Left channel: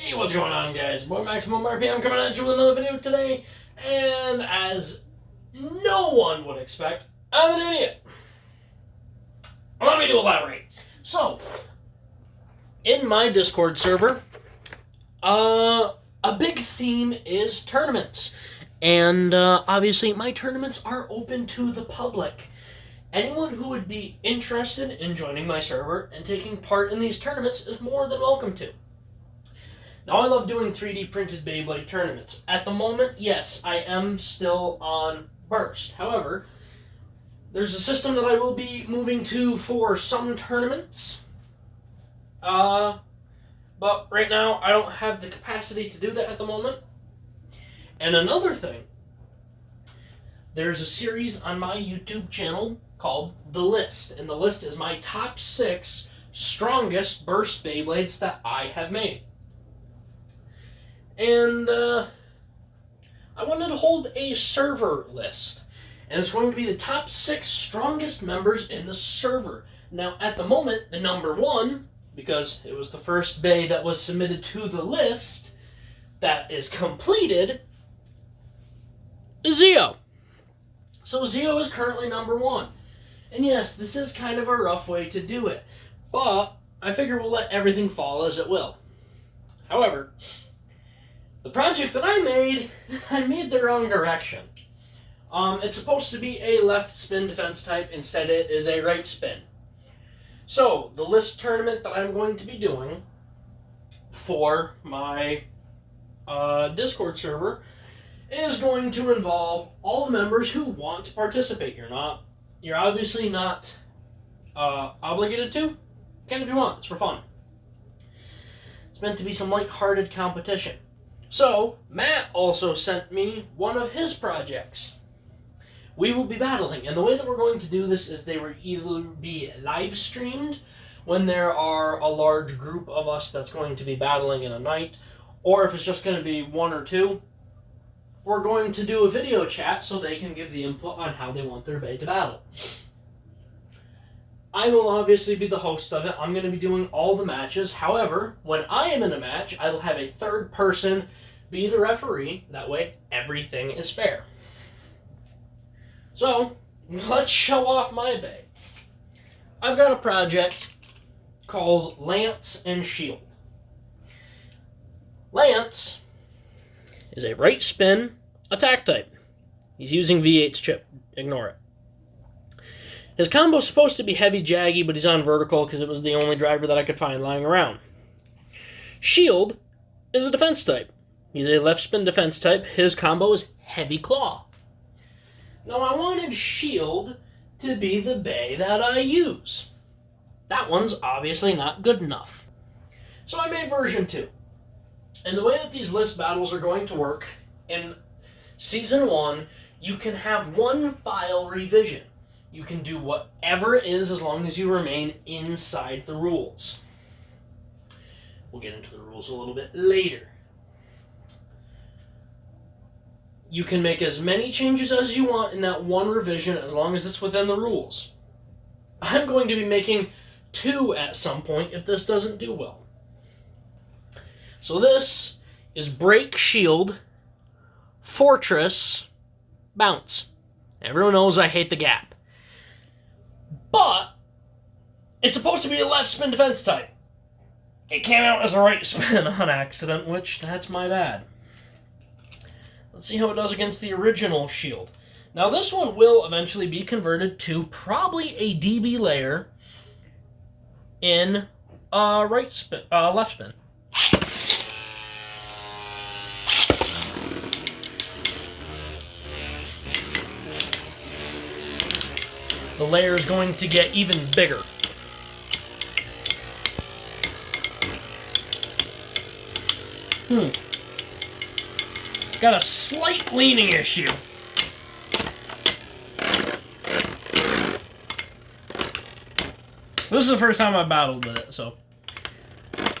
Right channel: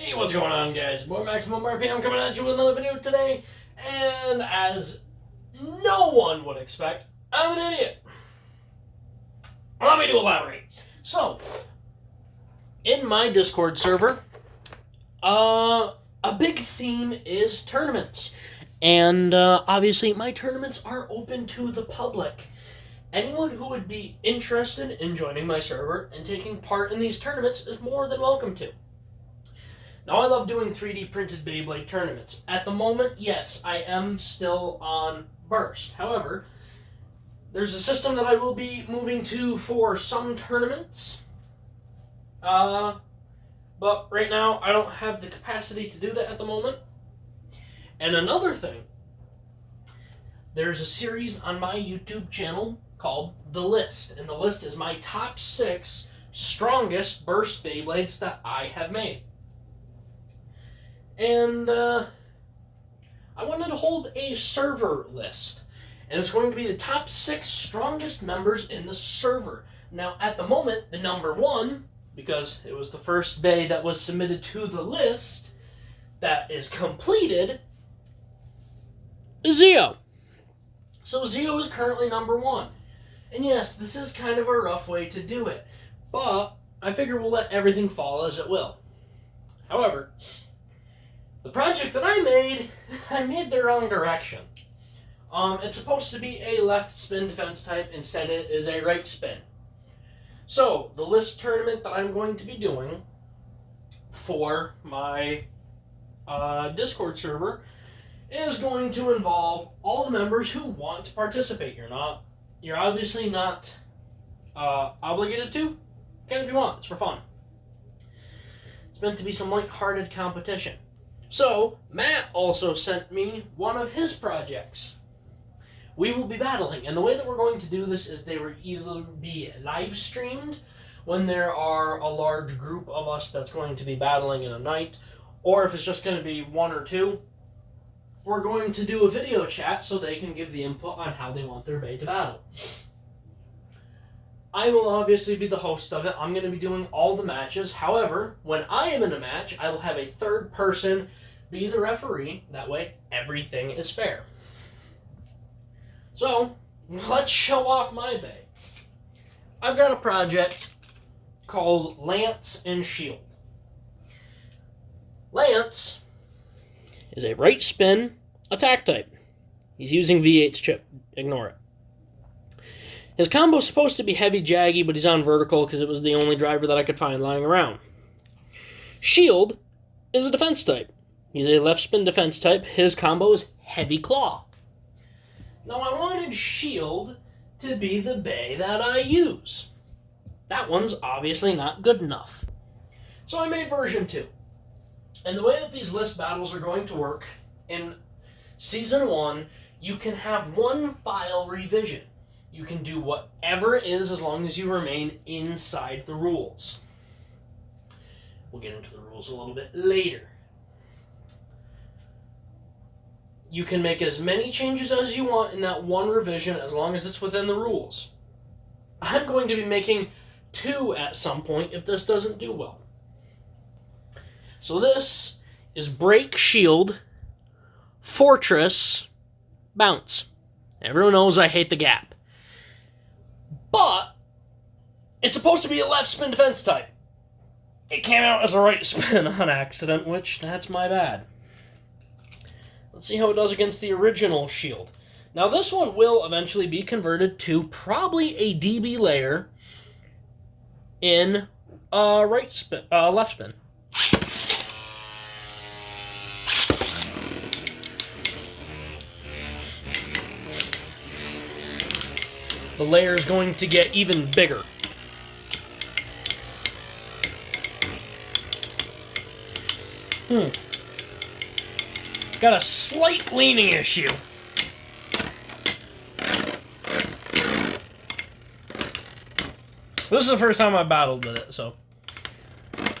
Hey, what's going on, guys? Boy Maximum RPM coming at you with another video today, and as no one would expect, I'm an idiot. Allow me to elaborate. So, in my Discord server, a big theme is tournaments, and obviously my tournaments are open to the public. Anyone who would be interested in joining my server and taking part in these tournaments is more than welcome to. Now, I love doing 3D printed Beyblade tournaments. At the moment, yes, I am still on Burst. However, there's a system that I will be moving to for some tournaments. But right now, I don't have the capacity to do that at the moment. And another thing, there's a series on my YouTube channel called The List. And The List is my top 6 strongest Burst Beyblades that I have made. And I wanted to hold a server list. And it's going to be the top 6 strongest members in the server. Now, at the moment, the number 1, because it was the first bay that was submitted to the list that is completed, is Zeo. So Zeo is currently number 1. And yes, this is kind of a rough way to do it. But I figure we'll let everything fall as it will. However, the project that I made the wrong direction. It's supposed to be a left spin defense type, instead it is a right spin. So, the list tournament that I'm going to be doing for my Discord server is going to involve all the members who want to participate. You're obviously not obligated to. You can if you want, it's for fun. It's meant to be some light-hearted competition. So, Matt also sent me one of his projects. We will be battling, and the way that we're going to do this is they will either be live streamed when there are a large group of us that's going to be battling in a night, or if it's just going to be 1 or 2, we're going to do a video chat so they can give the input on how they want their bay to battle. I will obviously be the host of it. I'm going to be doing all the matches. However, when I am in a match, I will have a third person be the referee. That way, everything is fair. So, let's show off my bay. I've got a project called Lance and Shield. Lance is a right spin attack type. He's using V8's chip. Ignore it. His combo is supposed to be heavy jaggy, but he's on vertical because it was the only driver that I could find lying around. Shield is a defense type. He's a left spin defense type. His combo is heavy claw. Now, I wanted Shield to be the bay that I use. That one's obviously not good enough. So I made version 2. And the way that these list battles are going to work, in Season 1, you can have one file revision. You can do whatever it is as long as you remain inside the rules. We'll get into the rules a little bit later. You can make as many changes as you want in that one revision as long as it's within the rules. I'm going to be making 2 at some point if this doesn't do well. So this is Break, Shield, Fortress, Bounce. Everyone knows I hate the gap. But it's supposed to be a left spin defense type. It came out as a right spin on accident, which that's my bad. Let's see how it does against the original Shield. Now this one will eventually be converted to probably a DB layer in left spin. The layer is going to get even bigger. Got a slight leaning issue. This is the first time I battled with it, so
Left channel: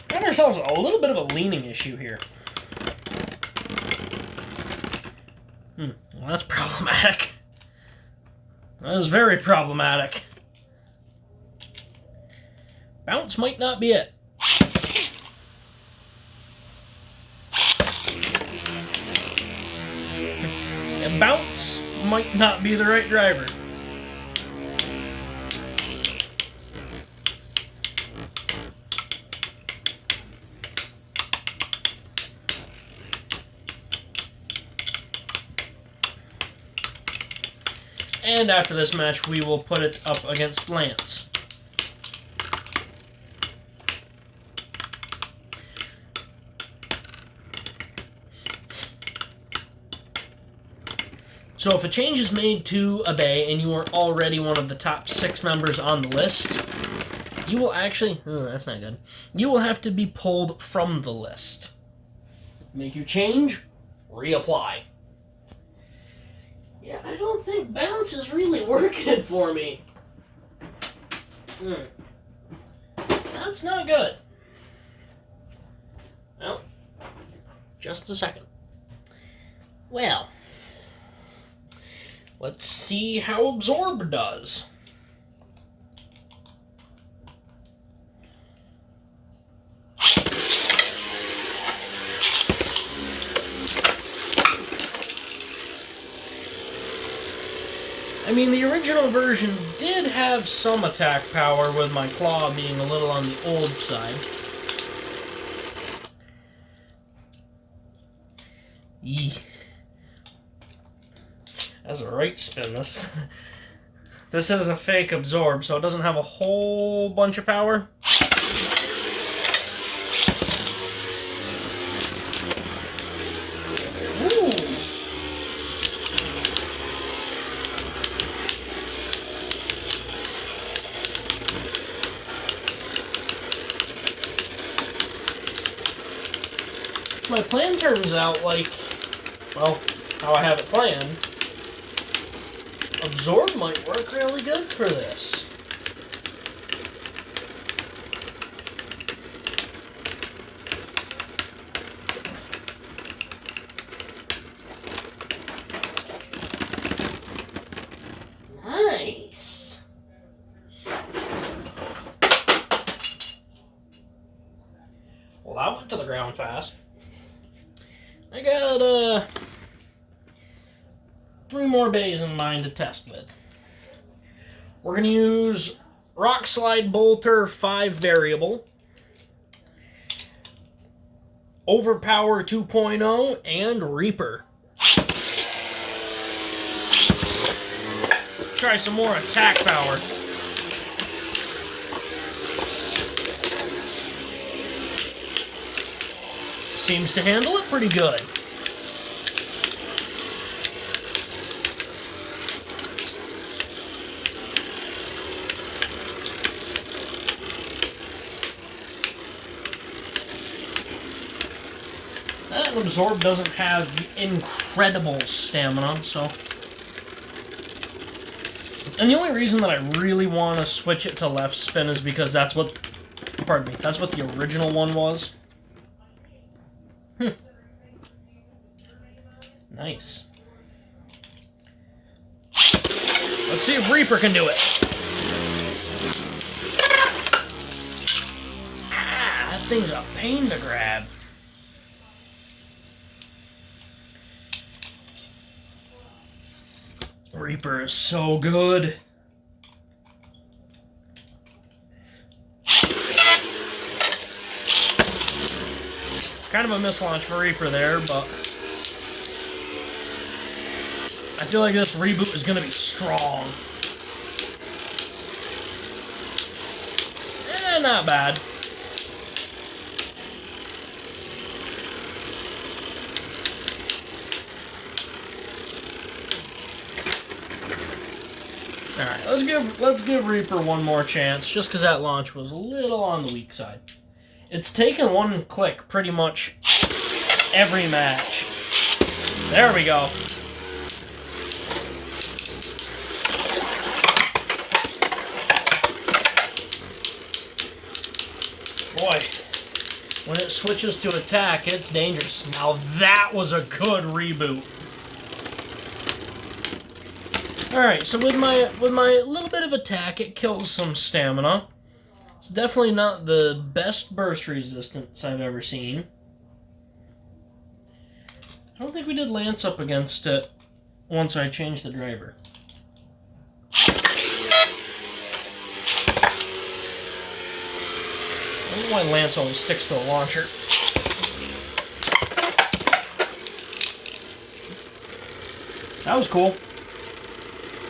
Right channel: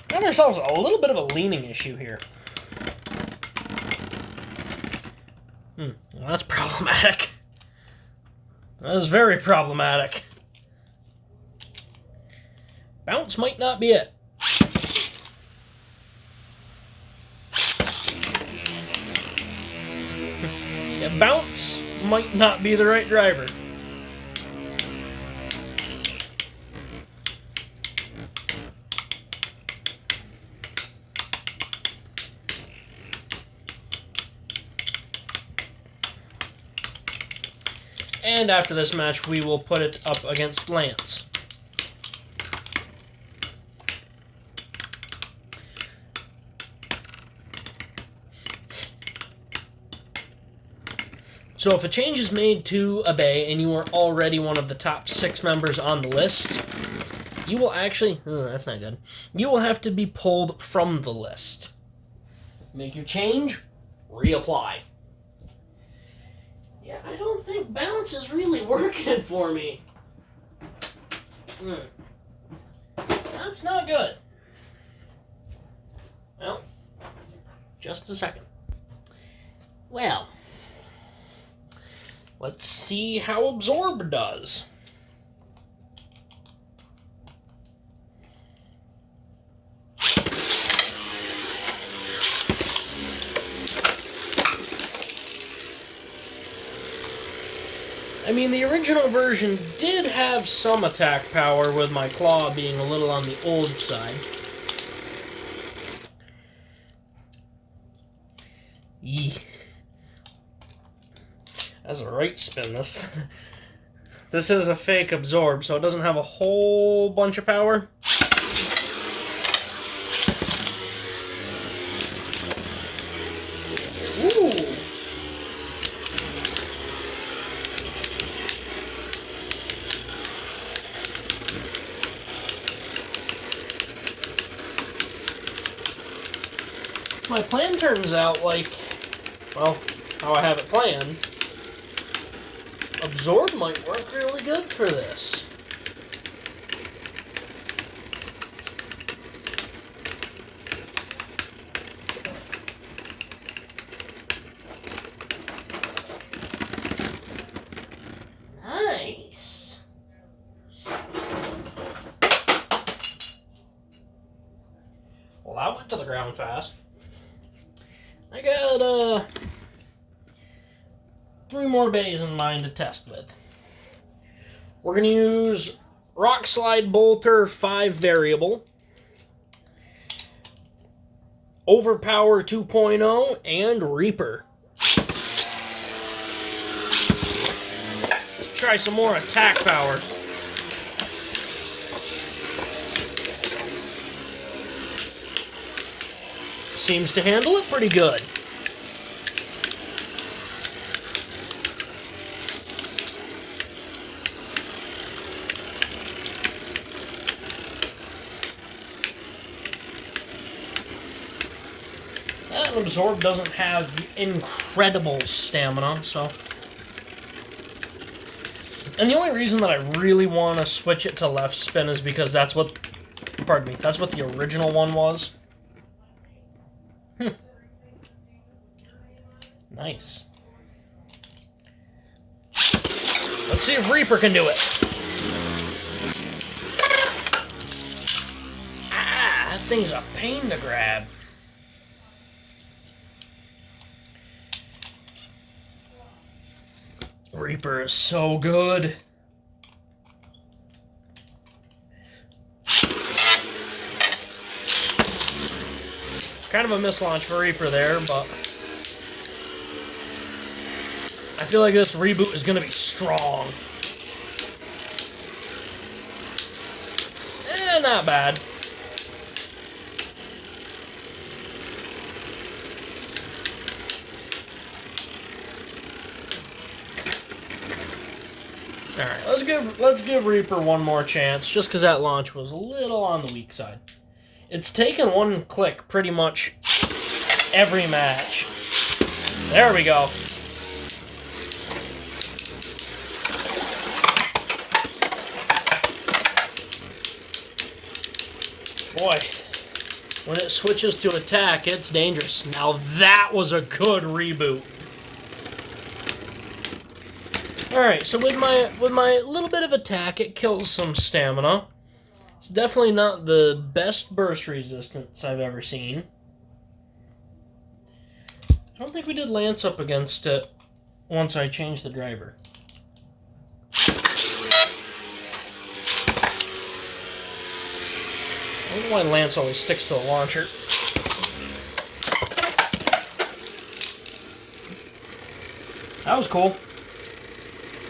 got ourselves a little bit of a leaning issue here. Well, that's problematic. That is very problematic. Bounce might not be it. bounce might not be the right driver. And after this match, we will put it up against Lance. So if a change is made to a bay and you are already one of the top 6 members on the list, you will actually... Oh, that's not good. You will have to be pulled from the list. Make your change, reapply. Yeah, I don't think bounce is really working for me. That's not good. Well, just a second. Well, let's see how Absorb does. I mean, the original version did have some attack power, with my claw being a little on the old side. Yee. That's a right spin. This is a fake Absorb, so it doesn't have a whole bunch of power. My plan turns out like, well, how I have it planned. Absorb might work really good for this. Nice. Well, that went to the ground fast. I got 3 more bays in mind to test with. We're going to use Rock Slide Bolter 5 Variable, Overpower 2.0, and Reaper. Let's try some more attack power. Seems to handle it pretty good. That Absorb doesn't have incredible stamina, so... And the only reason that I really want to switch it to left spin is because that's what... Pardon me, that's what the original one was. Nice. Let's see if Reaper can do it. Ah, that thing's a pain to grab. Reaper is so good. Kind of a mislaunch for Reaper there, but I feel like this reboot is going to be strong. Not bad. Alright, let's give Reaper one more chance, just because that launch was a little on the weak side. It's taken one click pretty much every match. There we go. Boy, when it switches to attack, it's dangerous. Now that was a good reboot. Alright, so with my little bit of attack, it kills some stamina. It's definitely not the best burst resistance I've ever seen. I don't think we did Lance up against it once I change the driver. I don't know why Lance always sticks to the launcher. That was cool.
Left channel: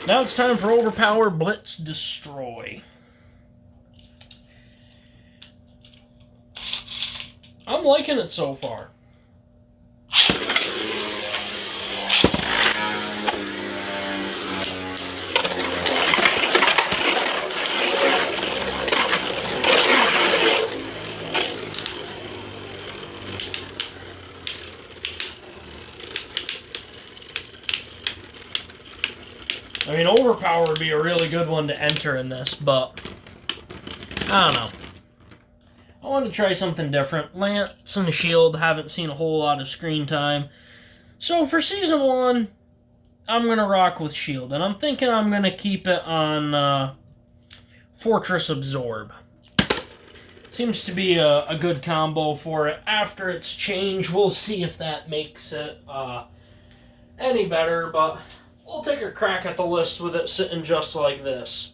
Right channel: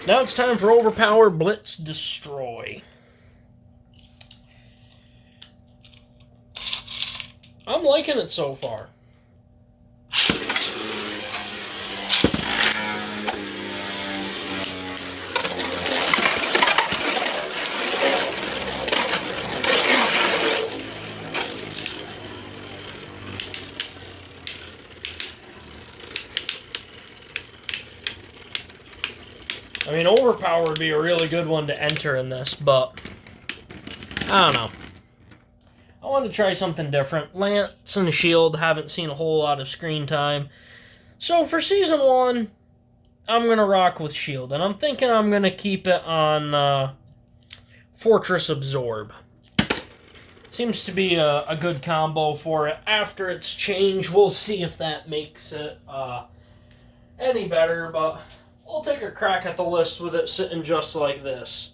Now it's time for Overpower, Blitz, Destroy. I'm liking it so far. I mean, Overpower would be a really good one to enter in this, but I don't know. I want to try something different. Lance and Shield haven't seen a whole lot of screen time. So for Season 1, I'm going to rock with Shield. And I'm thinking I'm going to keep it on Fortress Absorb. Seems to be a good combo for it. After its change, we'll see if that makes it any better. But we'll take a crack at the list with it sitting just like this.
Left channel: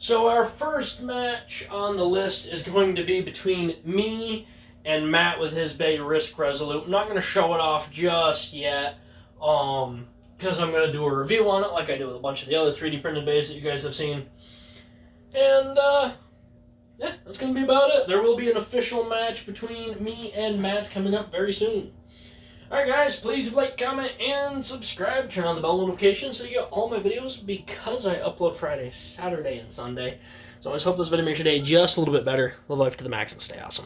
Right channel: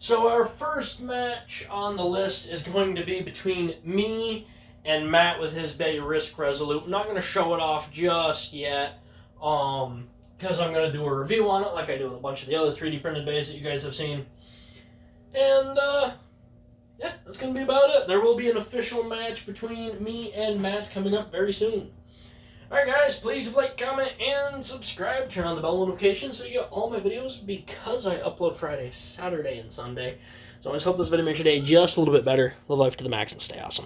So our first match on the list is going to be between me and Matt with his Bay Risk Resolute. I'm not going to show it off just yet, because I'm going to do a review on it like I do with a bunch of the other 3D printed bays that you guys have seen. And, yeah, that's going to be about it. There will be an official match between me and Matt coming up very soon. Alright guys, please like, comment, and subscribe. Turn on the bell notifications so you get all my videos because I upload Friday, Saturday, and Sunday. So I just hope this video makes your day just a little bit better. Live life to the max and stay awesome.